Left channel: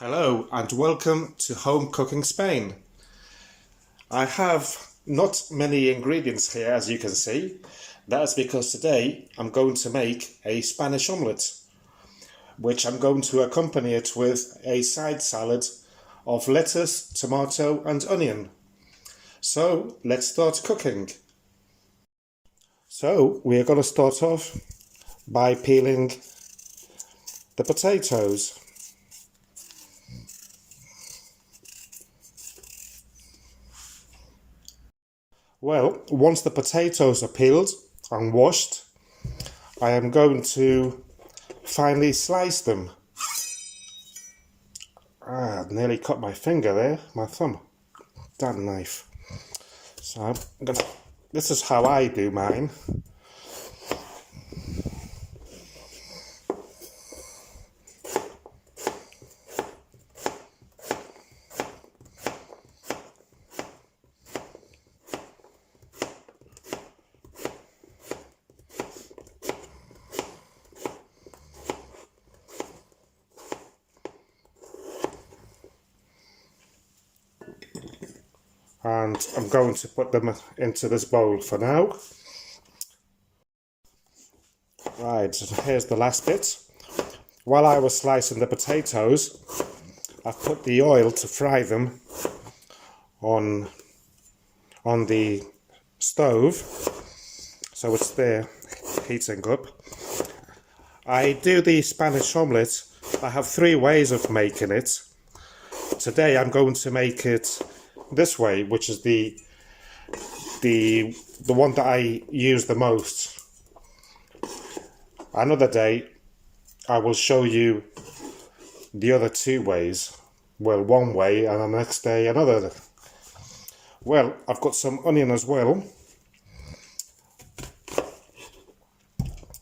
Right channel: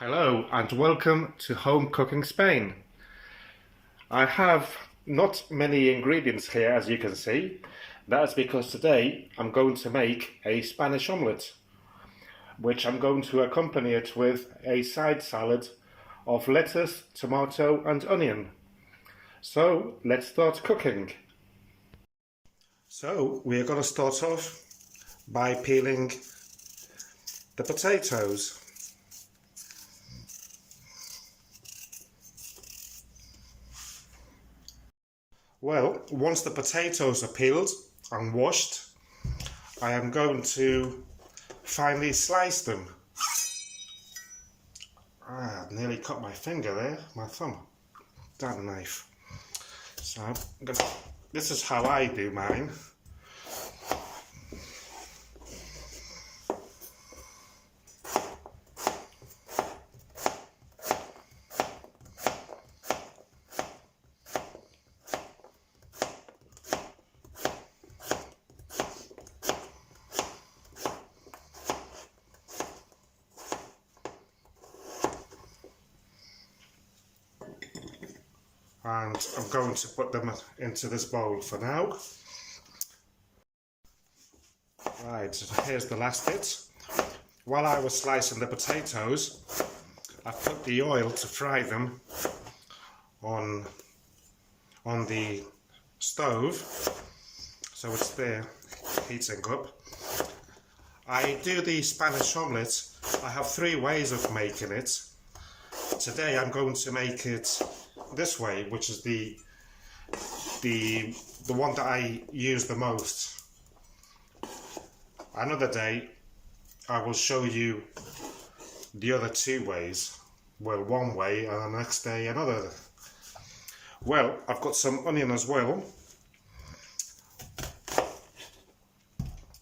Hello and welcome to Home Cooking Spain. I have not many ingredients here, as you can see. That's because today I'm going to make a Spanish omelette, which I'm going to accompany it with a side salad of lettuce, tomato and onion. So let's start cooking. So we're going to start off by peeling the potatoes. Well, once the potatoes are peeled and washed, I am going to finely slice them. I nearly cut my finger there, my thumb. That knife. So this is how I do mine. And I'm going to put them into this bowl for now. Right, so here's the last bit. While I was slicing the potatoes, I put the oil to fry them on the stove, so it's there heating up. I do the Spanish omelette. I have 3 ways of making it. Today I'm going to make it this way, which is the one that I use the most. Another day I will show you the other 2 ways. Well, one way, and the next day another. Well, I've got some onion as well,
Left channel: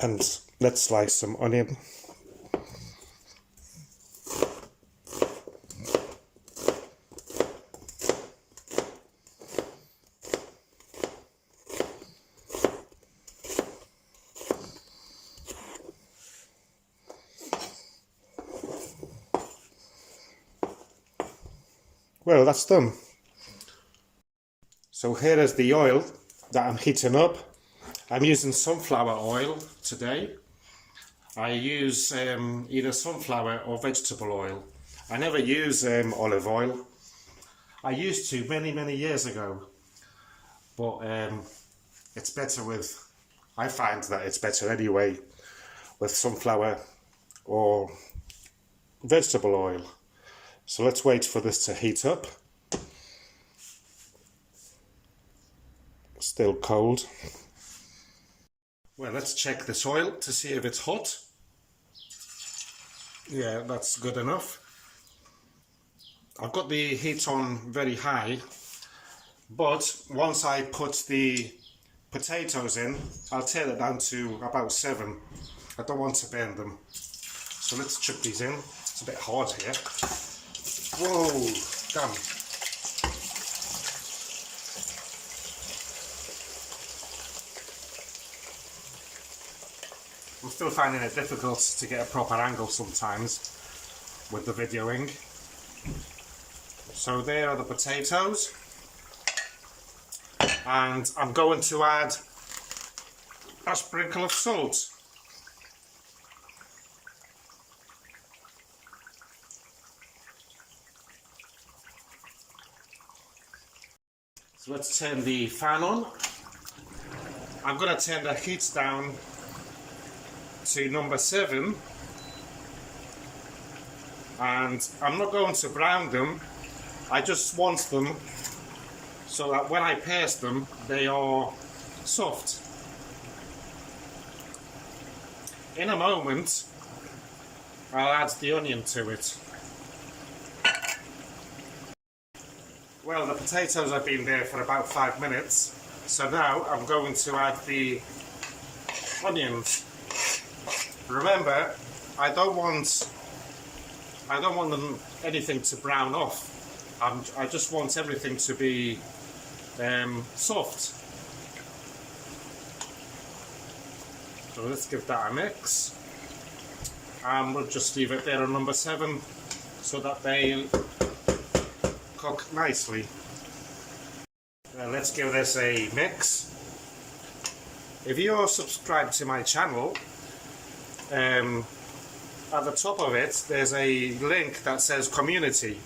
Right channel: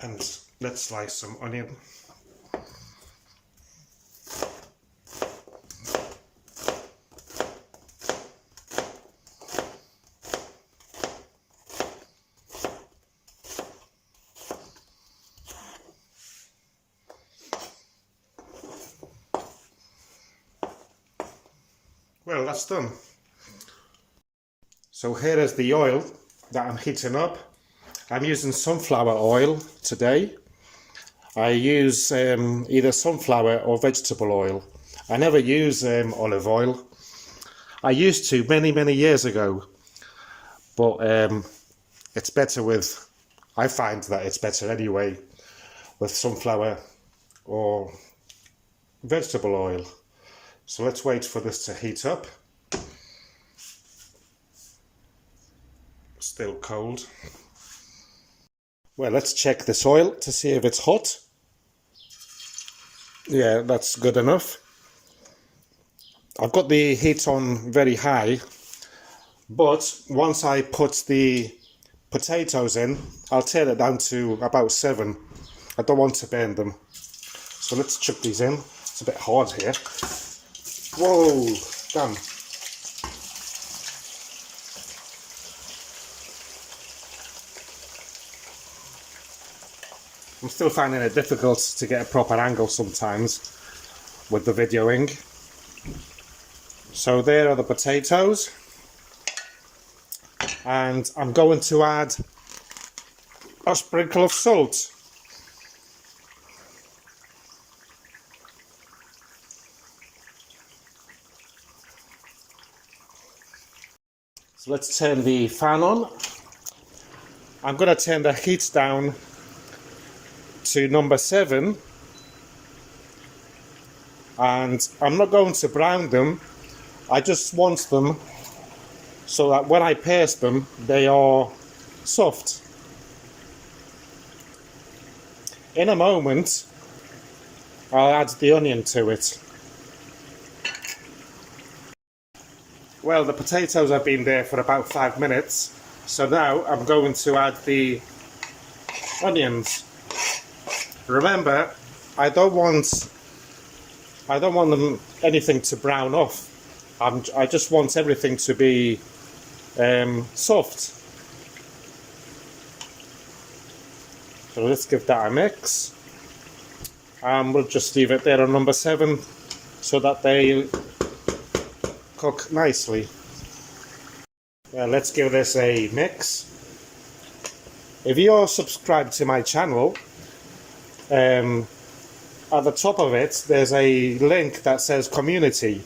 and let's slice some onion. Well, that's done. So here is the oil that I'm heating up. I'm using sunflower oil today. I use either sunflower or vegetable oil. I never use olive oil. I used to many years ago, but it's better with, I find that it's better anyway with sunflower or vegetable oil. So let's wait for this to heat up. Still cold. Well, let's check this oil to see if it's hot. Yeah, that's good enough. I've got the heat on very high, but once I put the potatoes in, I'll turn it down to about 7. I don't want to burn them. So let's chuck these in. It's a bit hard here. Whoa, damn. I'm still finding it difficult to get a proper angle sometimes with the videoing. So there are the potatoes. And I'm going to add a sprinkle of salt. So let's turn the fan on. I'm going to turn the heat down to number 7, and I'm not going to brown them. I just want them so that when I paste them they are soft. In a moment I'll add the onion to it. Well, the potatoes have been there for about 5 minutes, so now I'm going to add the onions. Remember, I don't want them anything to brown off. I just want everything to be soft. So let's give that a mix. And we'll just leave it there on number 7 so that they cook nicely. Let's give this a mix. If you're subscribed to my channel, at the top of it there's a link that says community,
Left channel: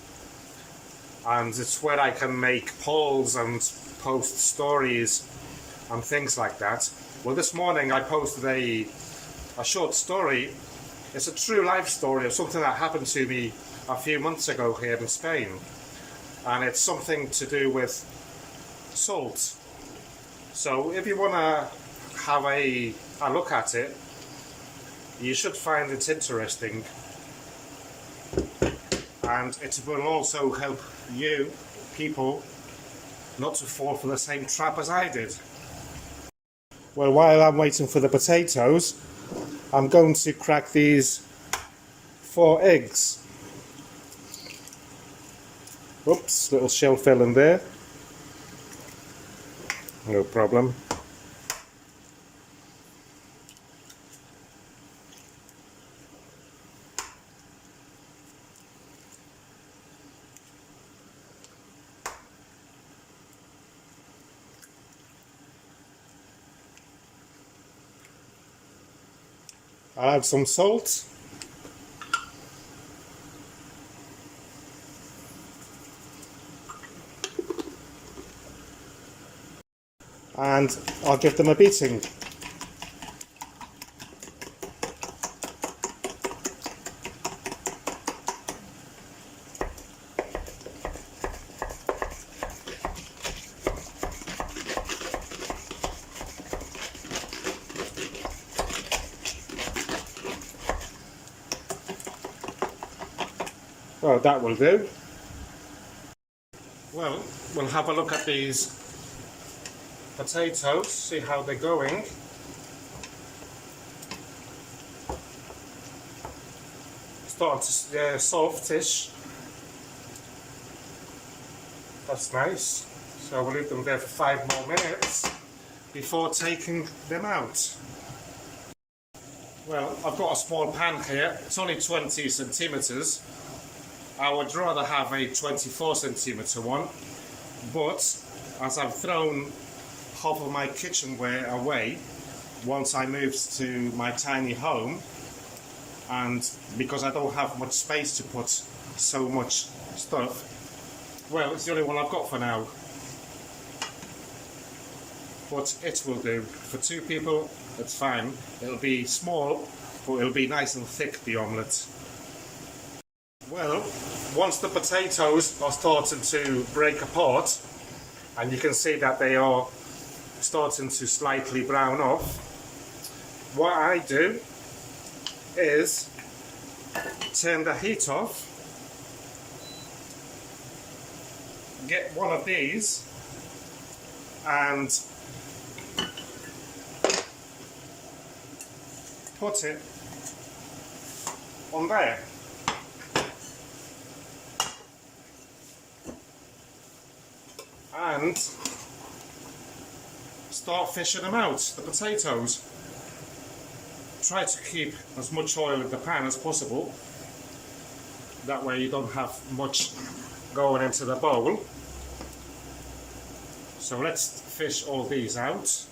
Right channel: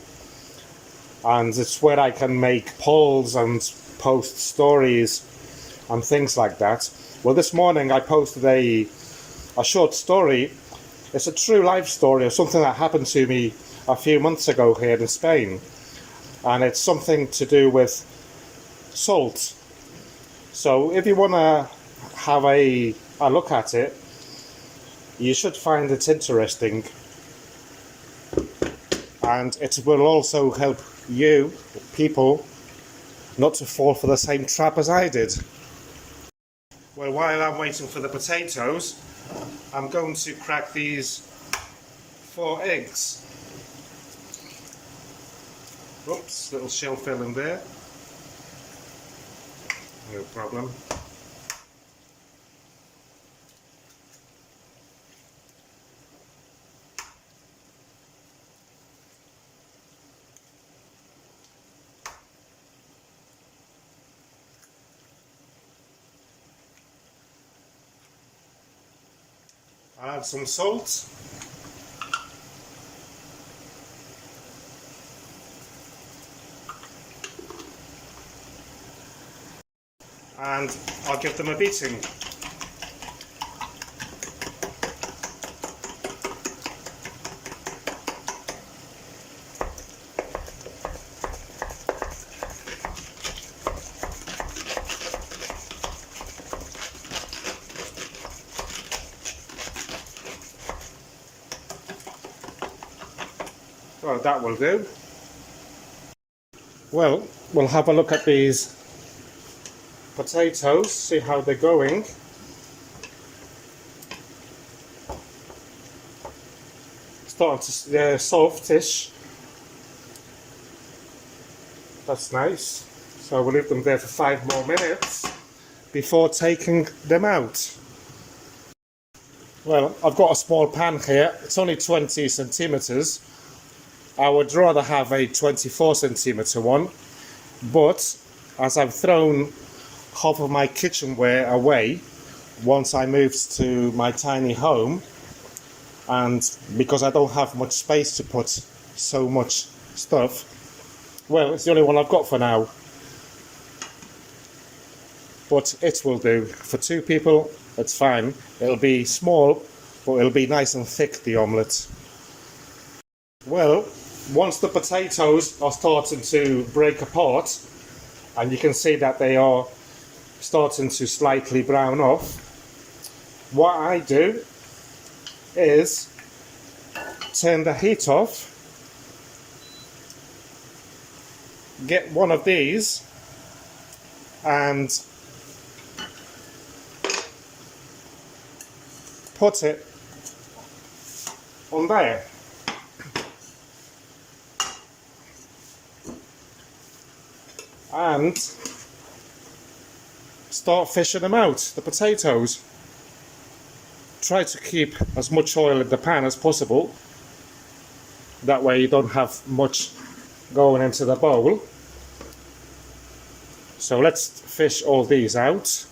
and it's where I can make polls and post stories and things like that. Well, this morning I posted a short story. It's a true life story of something that happened to me a few months ago here in Spain, and it's something to do with salt. So if you want to have a look at it, you should find it interesting, and it will also help you people not to fall for the same trap as I did. Well, while I'm waiting for the potatoes, I'm going to crack these 4 eggs. Oops, little shell fell in there. No problem. I'll add some salt. And I'll give them a beating. Well, that will do. Well, we'll have a look at these potatoes, see how they're going. They're softish. That's nice. So we'll leave them there for 5 more minutes before taking them out. Well, I've got a small pan here. It's only 20 centimeters. I would rather have a 24 centimeter one, but as I've thrown half of my kitchenware away once I moved to my tiny home, and because I don't have much space to put so much stuff, well, it's the only one I've got for now. But it will do. For 2 people, it's fine. It'll be small, but it'll be nice and thick, the omelette. Well, once the potatoes are starting to break apart, and you can see that they are starting to slightly brown off, what I do is turn the heat off, get one of these and put it on there. And start fishing them out, the potatoes. Try to keep as much oil in the pan as possible. That way you don't have much going into the bowl. So let's fish all these out.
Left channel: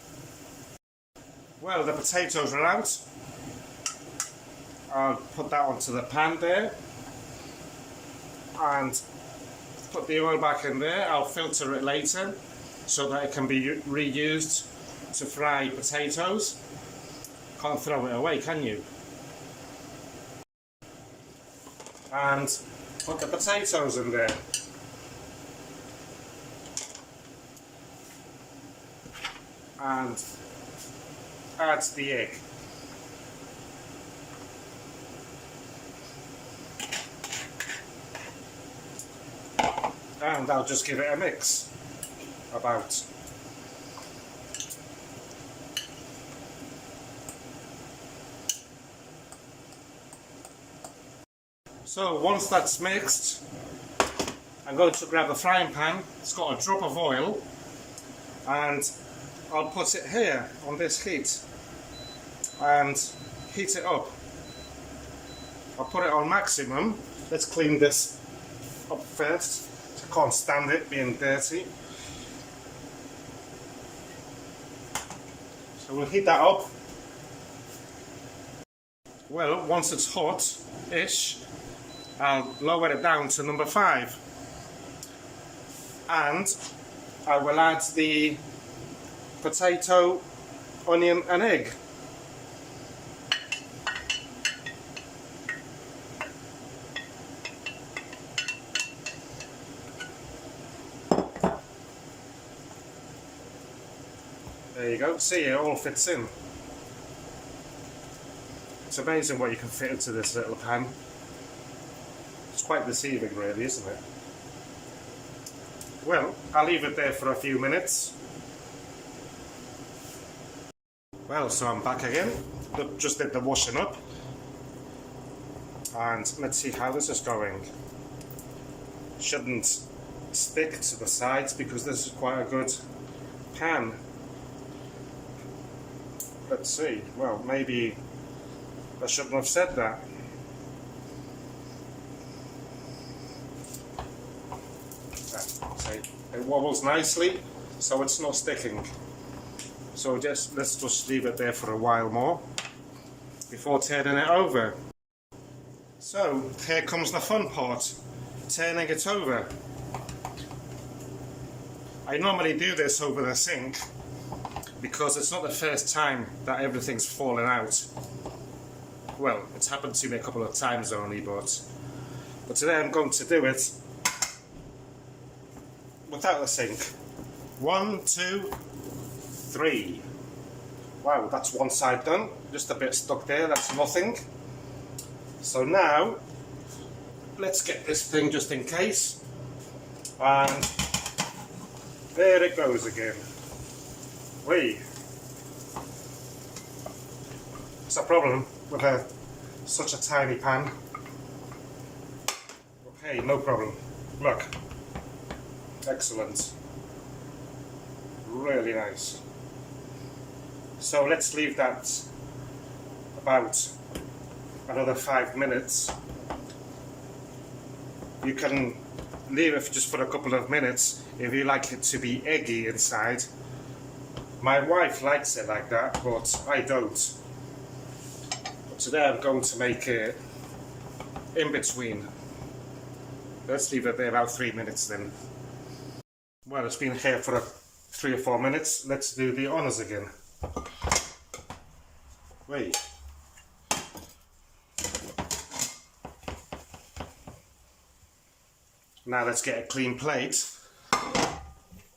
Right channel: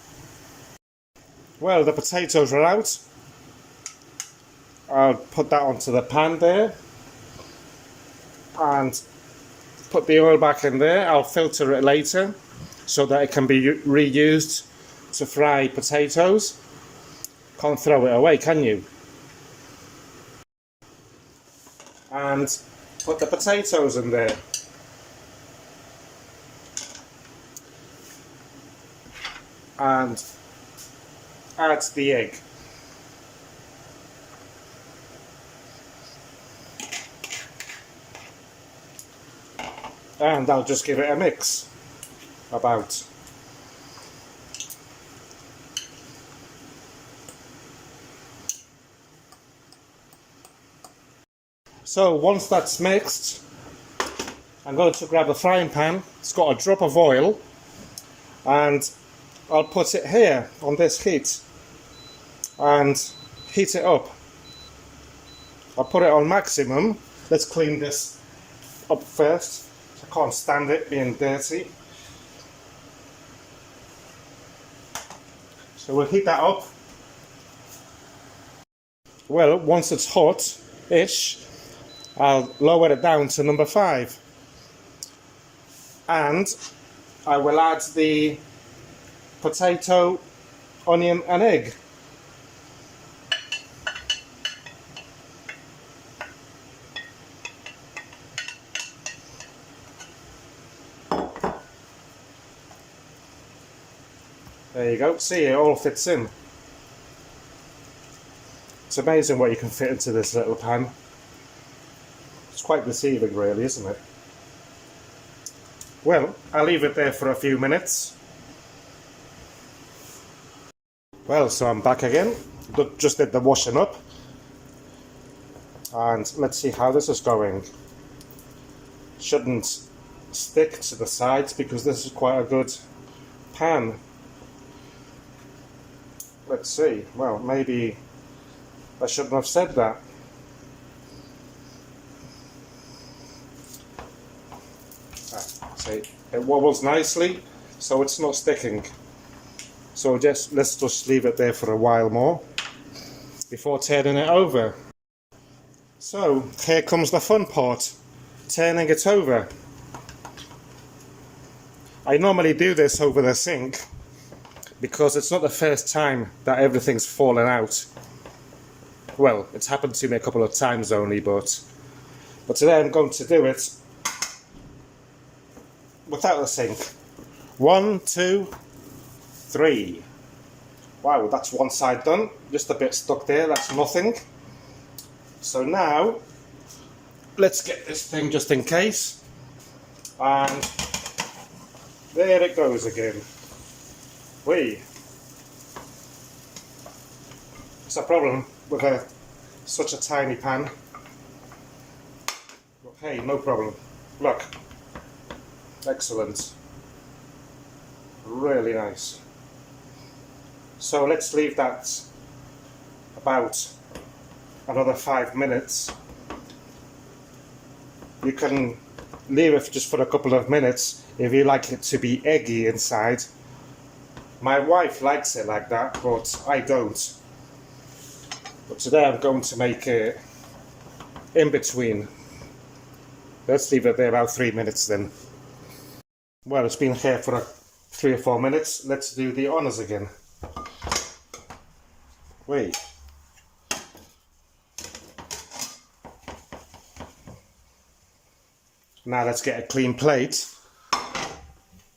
Well, the potatoes are out. I'll put that onto the pan there. And put the oil back in there. I'll filter it later so that it can be reused to fry potatoes. Can't throw it away, can you? And put the potatoes in there. And add the egg. And I'll just give it a mix about. So once that's mixed, I'm going to grab the frying pan. It's got a drop of oil, and I'll put it here on this heat and heat it up. I'll put it on maximum let's clean this up first. I can't stand it being dirty. So we'll heat that up. Well, once it's hot-ish, I'll lower it down to number 5. And I will add the potato, onion and egg. There you go, see, it all fits in. It's amazing what you can fit into this little pan. It's quite deceiving really, isn't it? Well, I'll leave it there for a few minutes. Well, so I'm back again. Just did the washing up. And let's see how this is going. Shouldn't stick to the sides because this is quite a good pan. Let's see. Well, maybe I shouldn't have said that. See, it wobbles nicely, so it's not sticking. So let's just leave it there for a while more before turning it over. So here comes the fun part, turning it over. I normally do this over the sink because it's not the first time that everything's fallen out. Well, it's happened to me a couple of times only, but today I'm going to do it without the sink. 1, 2, 3. Wow, that's one side done. Just a bit stuck there, that's nothing. So now, let's get this thing just in case. And there it goes again. Whee! It's a problem with such a tiny pan. Okay, no problem. Look. Excellent. Really nice. So let's leave that about another 5 minutes. You can leave it just for a couple of minutes if you like it to be eggy inside. My wife likes it like that, but I don't. But today I'm going to make it in between. Let's leave it there about 3 minutes then. Well, it's been here for 3 or 4 minutes. Let's do the honours again. Wait. Now let's get a clean plate,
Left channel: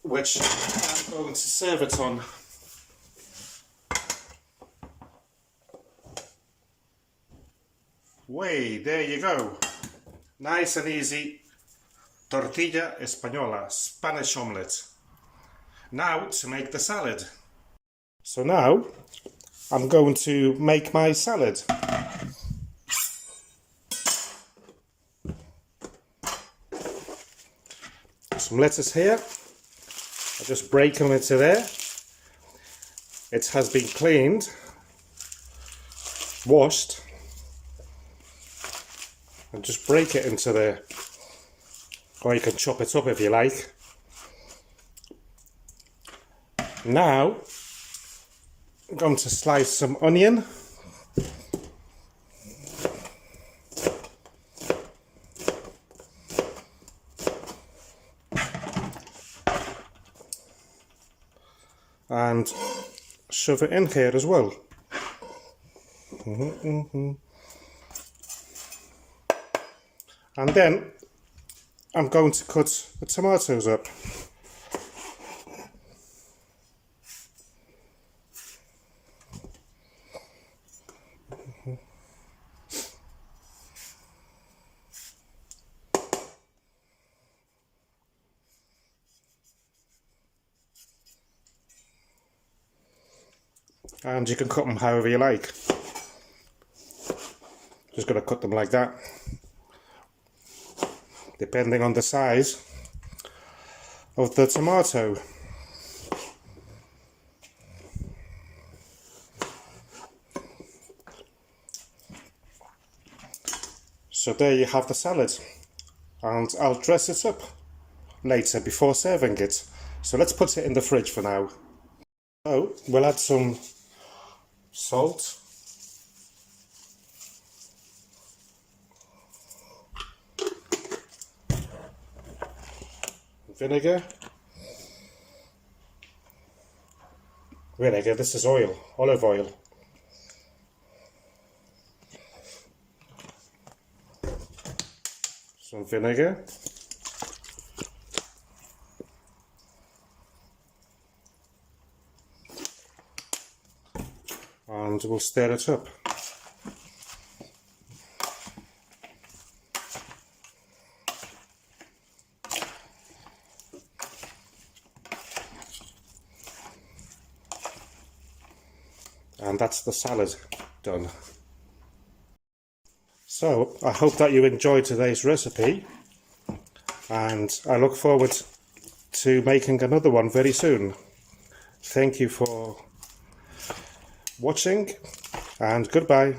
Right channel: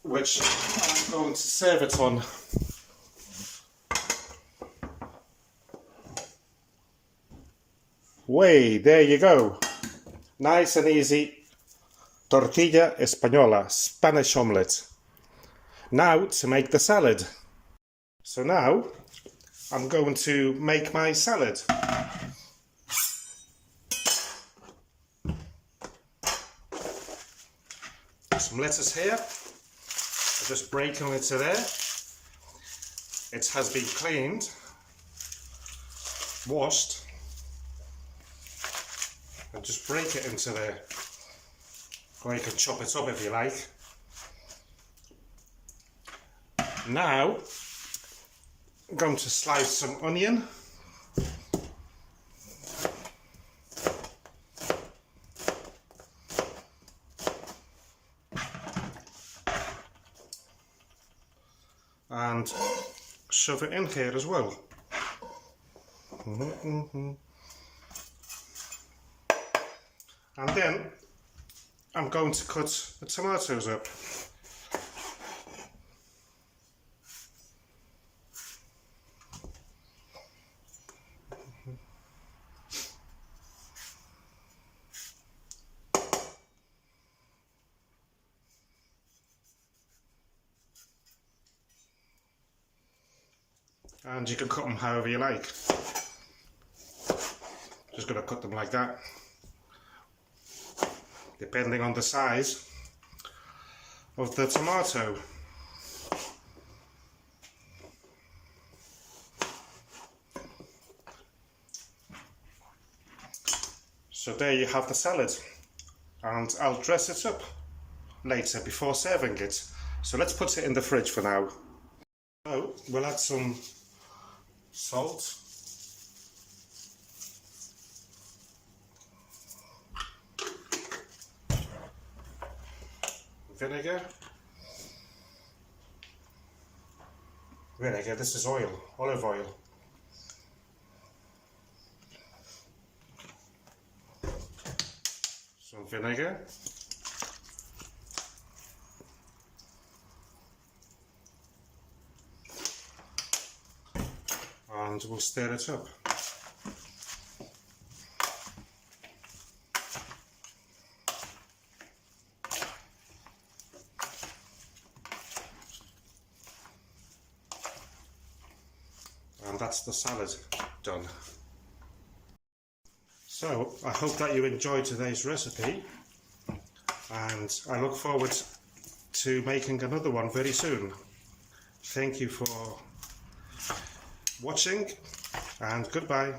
which I'm going to serve it on. Way, there you go. Nice and easy. Tortilla española, Spanish omelette. Now to make the salad. So now I'm going to make my salad. Some lettuce here. I just break them into there. It has been cleaned, washed, and just break it into there. Or you can chop it up if you like. Now I'm going to slice some onion. And shove it in here as well. And then I'm going to cut the tomatoes up. And you can cut them however you like. Just going to cut them like that, depending on the size of the tomato. So there you have the salad, and I'll dress it up later before serving it. So let's put it in the fridge for now. So we'll add some salt, vinegar, this is oil, olive oil, some vinegar, and we'll stir it up. And that's the salad done. So I hope that you enjoyed today's recipe, and I look forward to making another one very soon. Thank you for watching, and goodbye.